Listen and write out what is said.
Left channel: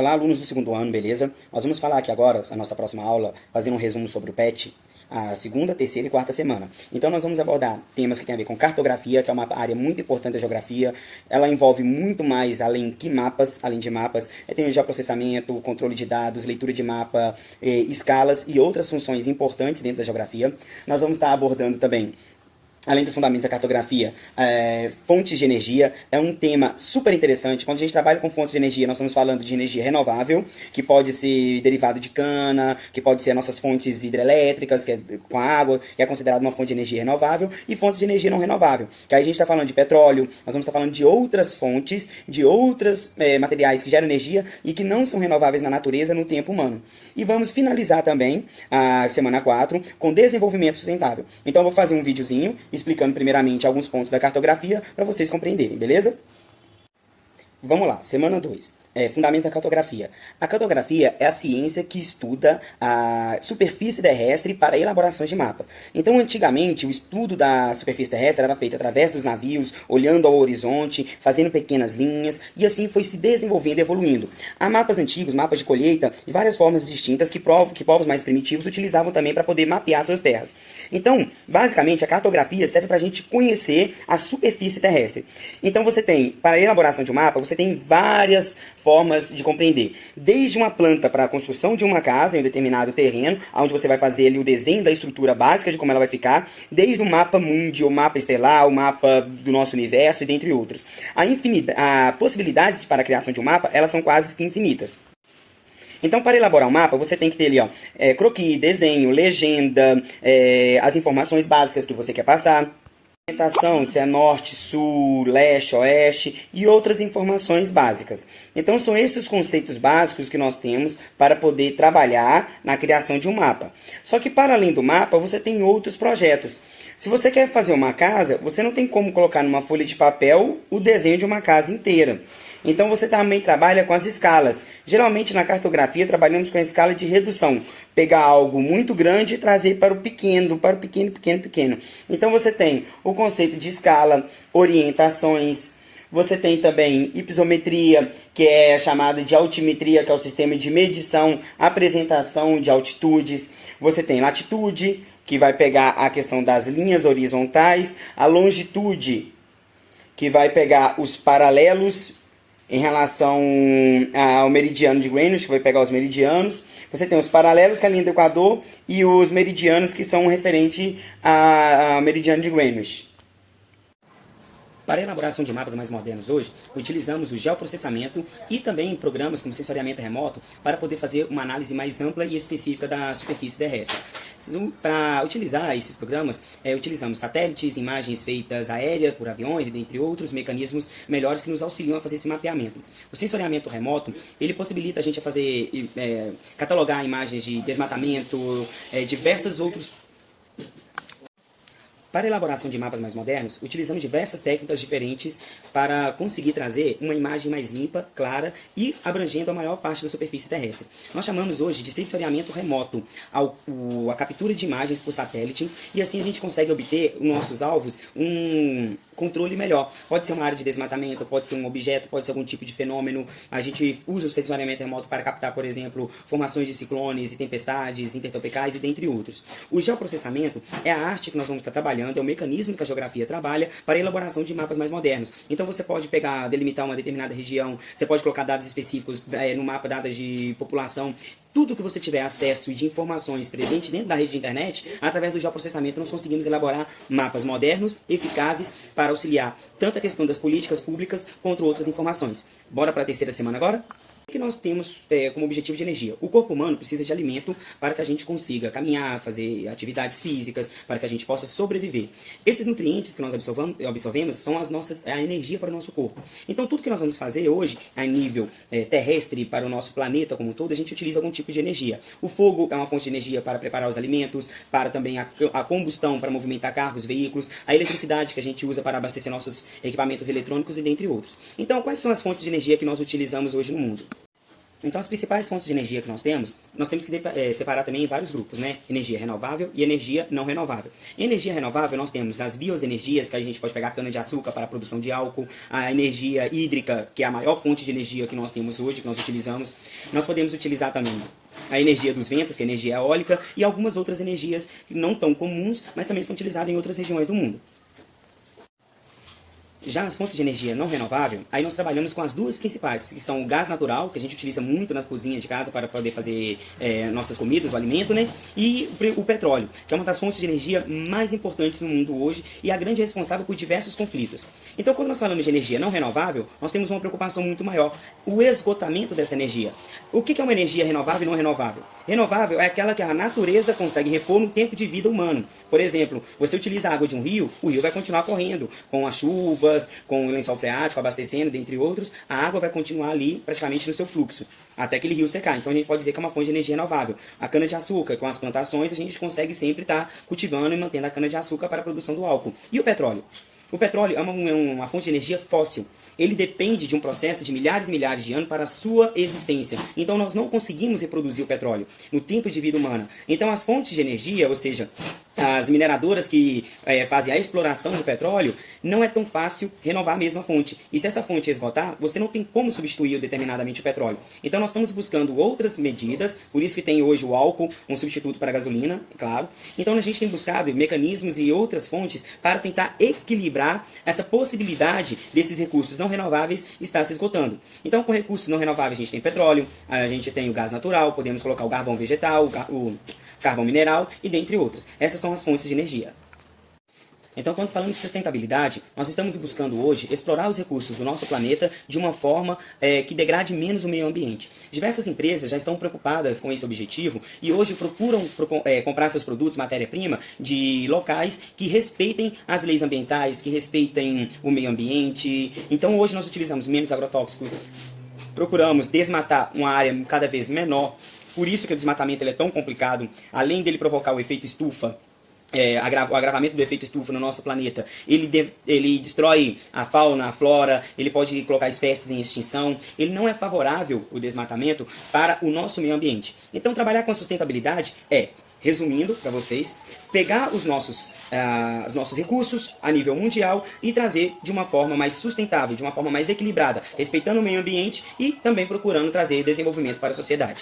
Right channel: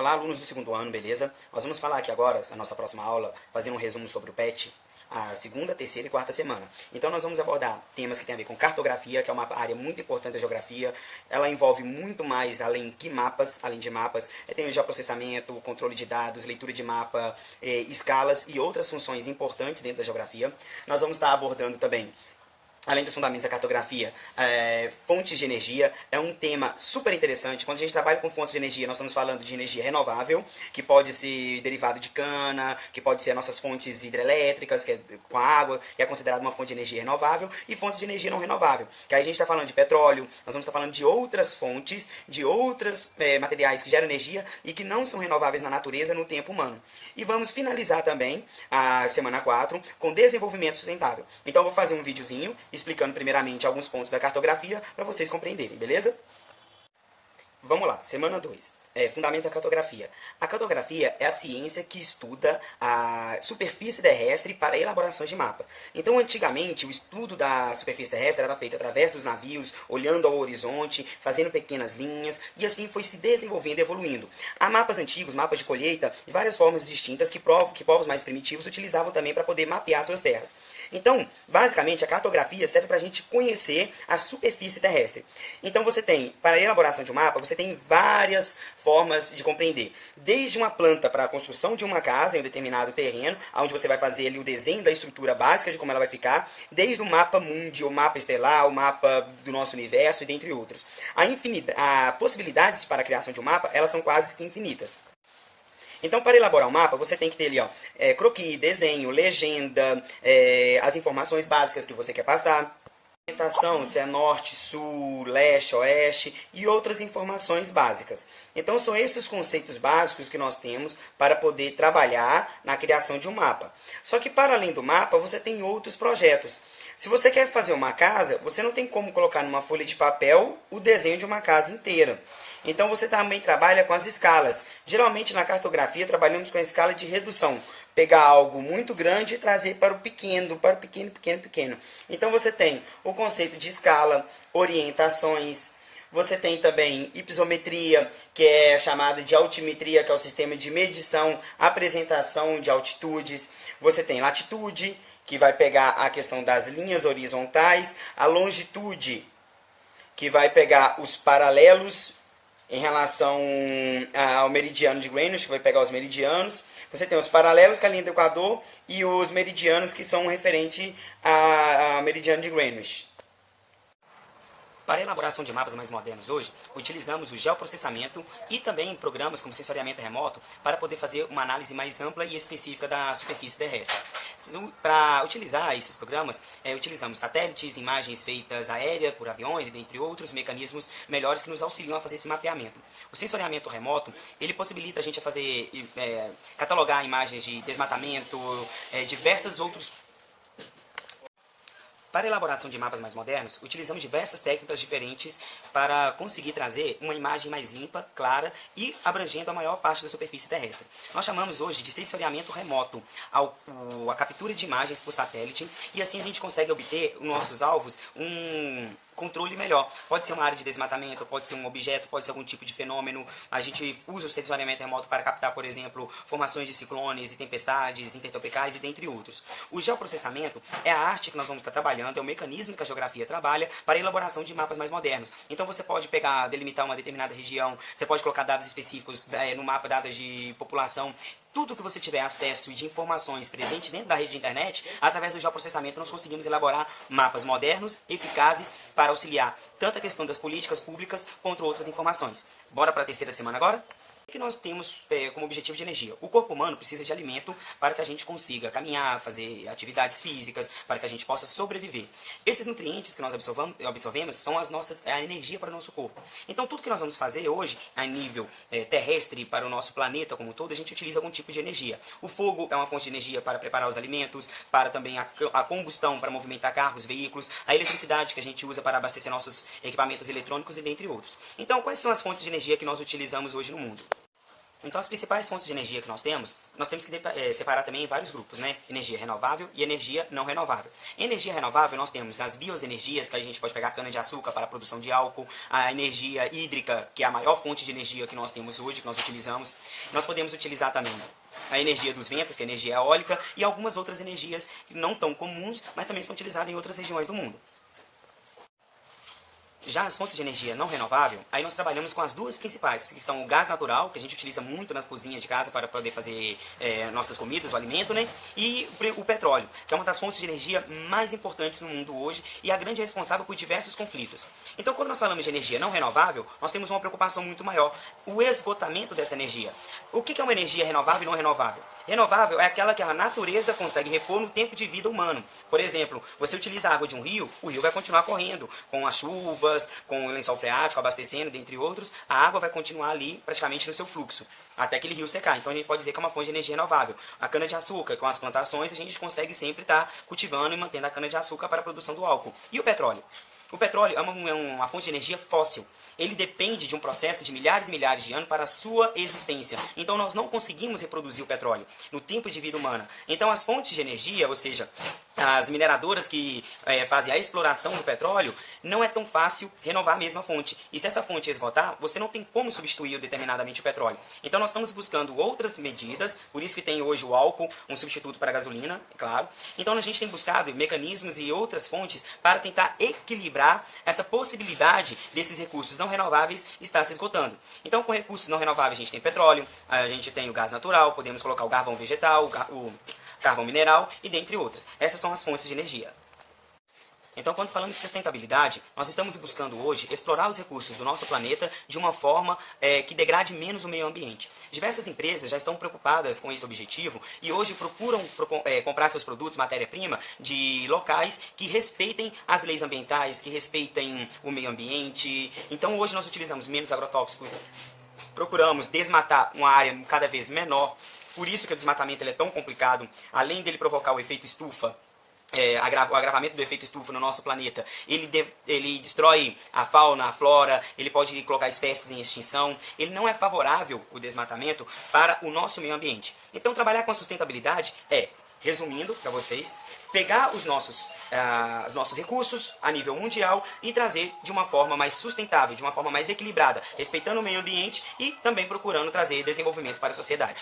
Olá, alunos do segundo ano, beleza? Nós vamos falar aqui agora, na nossa próxima aula, fazendo um resumo sobre o PET, a segunda, terceira e quarta semana. Então nós vamos abordar temas que tem a ver com cartografia, que é uma área muito importante da geografia. Ela envolve muito mais além de mapas. Tem o geoprocessamento, o controle de dados, leitura de mapa, escalas e outras funções importantes dentro da geografia. Nós vamos estar abordando também, além dos fundamentos da cartografia, fontes de energia. É um tema super interessante. Quando a gente trabalha com fontes de energia, nós estamos falando de energia renovável, que pode ser derivado de cana, que pode ser nossas fontes hidrelétricas, que é com água, que é considerada uma fonte de energia renovável, e fontes de energia não renovável, que aí a gente está falando de petróleo, nós vamos estar falando de outras fontes, de outros materiais que geram energia e que não são renováveis na natureza no tempo humano. E vamos finalizar também a semana 4 com desenvolvimento sustentável. Então eu vou fazer um videozinho explicando primeiramente alguns pontos da cartografia para vocês compreenderem, beleza? Vamos lá, semana 2. Fundamento da cartografia. A cartografia é a ciência que estuda a superfície terrestre para elaborações de mapa. Então, antigamente, o estudo da superfície terrestre era feito através dos navios, olhando ao horizonte, fazendo pequenas linhas, e assim foi se desenvolvendo e evoluindo. Há mapas antigos, mapas de colheita, de várias formas distintas que povos mais primitivos utilizavam também para poder mapear suas terras. Então, basicamente, a cartografia serve para a gente conhecer a superfície terrestre. Então, você tem, para a elaboração de um mapa, você tem várias formas de compreender. Desde uma planta para a construção de uma casa em um determinado terreno, onde você vai fazer ali o desenho da estrutura básica de como ela vai ficar, desde o mapa mundi, o mapa estelar, o mapa do nosso universo e dentre outros. A possibilidades para a criação de um mapa, elas são quase que infinitas. Então, para elaborar um mapa, você tem que ter ali, croquis, desenho, legenda, as informações básicas que você quer passar, orientação, se é norte, sul, leste, oeste e outras informações básicas. Então são esses os conceitos básicos que nós temos para poder trabalhar na criação de um mapa. Só que para além do mapa, você tem outros projetos. Se você quer fazer uma casa, você não tem como colocar numa folha de papel o desenho de uma casa inteira. Então você também trabalha com as escalas. Geralmente na cartografia trabalhamos com a escala de redução. Pegar algo muito grande e trazer para o pequeno, pequeno. Então você tem o conceito de escala, orientações. Você tem também hipisometria, que é chamado de altimetria, que é o sistema de medição, apresentação de altitudes. Você tem latitude, que vai pegar a questão das linhas horizontais. A longitude, que vai pegar os paralelos em relação ao meridiano de Greenwich, que vai pegar os meridianos. Você tem os paralelos, que é a linha do Equador, e os meridianos, que são referentes ao meridiano de Greenwich. Para a elaboração de mapas mais modernos hoje, utilizamos o geoprocessamento e também programas como sensoriamento remoto para poder fazer uma análise mais ampla e específica da superfície terrestre. Para utilizar esses programas, utilizamos satélites, imagens feitas aéreas por aviões e dentre outros mecanismos melhores que nos auxiliam a fazer esse mapeamento. O sensoriamento remoto, ele possibilita a gente a fazer, catalogar imagens de desmatamento, diversos outros. Para a elaboração de mapas mais modernos, utilizamos diversas técnicas diferentes para conseguir trazer uma imagem mais limpa, clara e abrangendo a maior parte da superfície terrestre. Nós chamamos hoje de sensoriamento remoto, a captura de imagens por satélite, e assim a gente consegue obter os nossos alvos um controle melhor. Pode ser uma área de desmatamento, pode ser um objeto, pode ser algum tipo de fenômeno. A gente usa o sensoriamento remoto para captar, por exemplo, formações de ciclones e tempestades intertropicais e dentre outros. O geoprocessamento é a arte que nós vamos estar trabalhando, é o mecanismo que a geografia trabalha para a elaboração de mapas mais modernos. Então você pode pegar, delimitar uma determinada região, você pode colocar dados específicos no mapa, dados de população. Tudo que você tiver acesso de informações presentes dentro da rede de internet, através do geoprocessamento nós conseguimos elaborar mapas modernos, eficazes, para auxiliar tanto a questão das políticas públicas quanto outras informações. Bora para a terceira semana agora? O que nós temos como objetivo de energia? O corpo humano precisa de alimento para que a gente consiga caminhar, fazer atividades físicas, para que a gente possa sobreviver. Esses nutrientes que nós absorvemos são a energia para o nosso corpo. Então tudo que nós vamos fazer hoje, a nível terrestre, para o nosso planeta como um todo, a gente utiliza algum tipo de energia. O fogo é uma fonte de energia para preparar os alimentos, para também a combustão, para movimentar carros, veículos, a eletricidade que a gente usa para abastecer nossos equipamentos eletrônicos e dentre outros. Então, quais são as fontes de energia que nós utilizamos hoje no mundo? Então, as principais fontes de energia que nós temos que separar também em vários grupos, né? Energia renovável e energia não renovável. Em energia renovável, nós temos as bioenergias, que a gente pode pegar cana-de-açúcar para a produção de álcool, a energia hídrica, que é a maior fonte de energia que nós temos hoje, que nós utilizamos. Nós podemos utilizar também a energia dos ventos, que é a energia eólica, e algumas outras energias não tão comuns, mas também são utilizadas em outras regiões do mundo. Já as fontes de energia não renovável, aí nós trabalhamos com as duas principais, que são o gás natural, que a gente utiliza muito na cozinha de casa para poder fazer nossas comidas, o alimento, né? E o petróleo, que é uma das fontes de energia mais importantes no mundo hoje e a grande responsável por diversos conflitos. Então, quando nós falamos de energia não renovável, nós temos uma preocupação muito maior, o esgotamento dessa energia. O que é uma energia renovável e não renovável? Renovável é aquela que a natureza consegue repor no tempo de vida humano. Por exemplo, você utiliza a água de um rio, o rio vai continuar correndo com as chuvas, com o lençol freático abastecendo, dentre outros, a água vai continuar ali praticamente no seu fluxo, até aquele rio secar. Então a gente pode dizer que é uma fonte de energia renovável. A cana-de-açúcar, com as plantações, a gente consegue sempre estar cultivando e mantendo a cana-de-açúcar para a produção do álcool. E o petróleo? O petróleo é uma fonte de energia fóssil. Ele depende de um processo de milhares e milhares de anos para a sua existência. Então nós não conseguimos reproduzir o petróleo no tempo de vida humana. Então as fontes de energia, ou seja, as mineradoras que fazem a exploração do petróleo, não é tão fácil renovar a mesma fonte. E se essa fonte esgotar, você não tem como substituir determinadamente o petróleo. Então nós estamos buscando outras medidas, por isso que tem hoje o álcool, um substituto para a gasolina, é claro. Então a gente tem buscado mecanismos e outras fontes para tentar equilibrar essa possibilidade desses recursos não renováveis estar se esgotando. Então com recursos não renováveis a gente tem petróleo, a gente tem o gás natural, podemos colocar o carvão vegetal, o carvão mineral e dentre outras. Essas são as fontes de energia. Então, quando falamos de sustentabilidade, nós estamos buscando hoje explorar os recursos do nosso planeta de uma forma que degrade menos o meio ambiente. Diversas empresas já estão preocupadas com esse objetivo e hoje procuram comprar seus produtos, matéria-prima, de locais que respeitem as leis ambientais, que respeitem o meio ambiente. Então, hoje nós utilizamos menos agrotóxico, procuramos desmatar uma área cada vez menor. Por isso que o desmatamento ele é tão complicado, além dele provocar o efeito estufa, o agravamento do efeito estufa no nosso planeta, ele destrói a fauna, a flora, ele pode colocar espécies em extinção, ele não é favorável, o desmatamento, para o nosso meio ambiente. Então trabalhar com a sustentabilidade resumindo para vocês, pegar os nossos recursos a nível mundial e trazer de uma forma mais sustentável, de uma forma mais equilibrada, respeitando o meio ambiente e também procurando trazer desenvolvimento para a sociedade.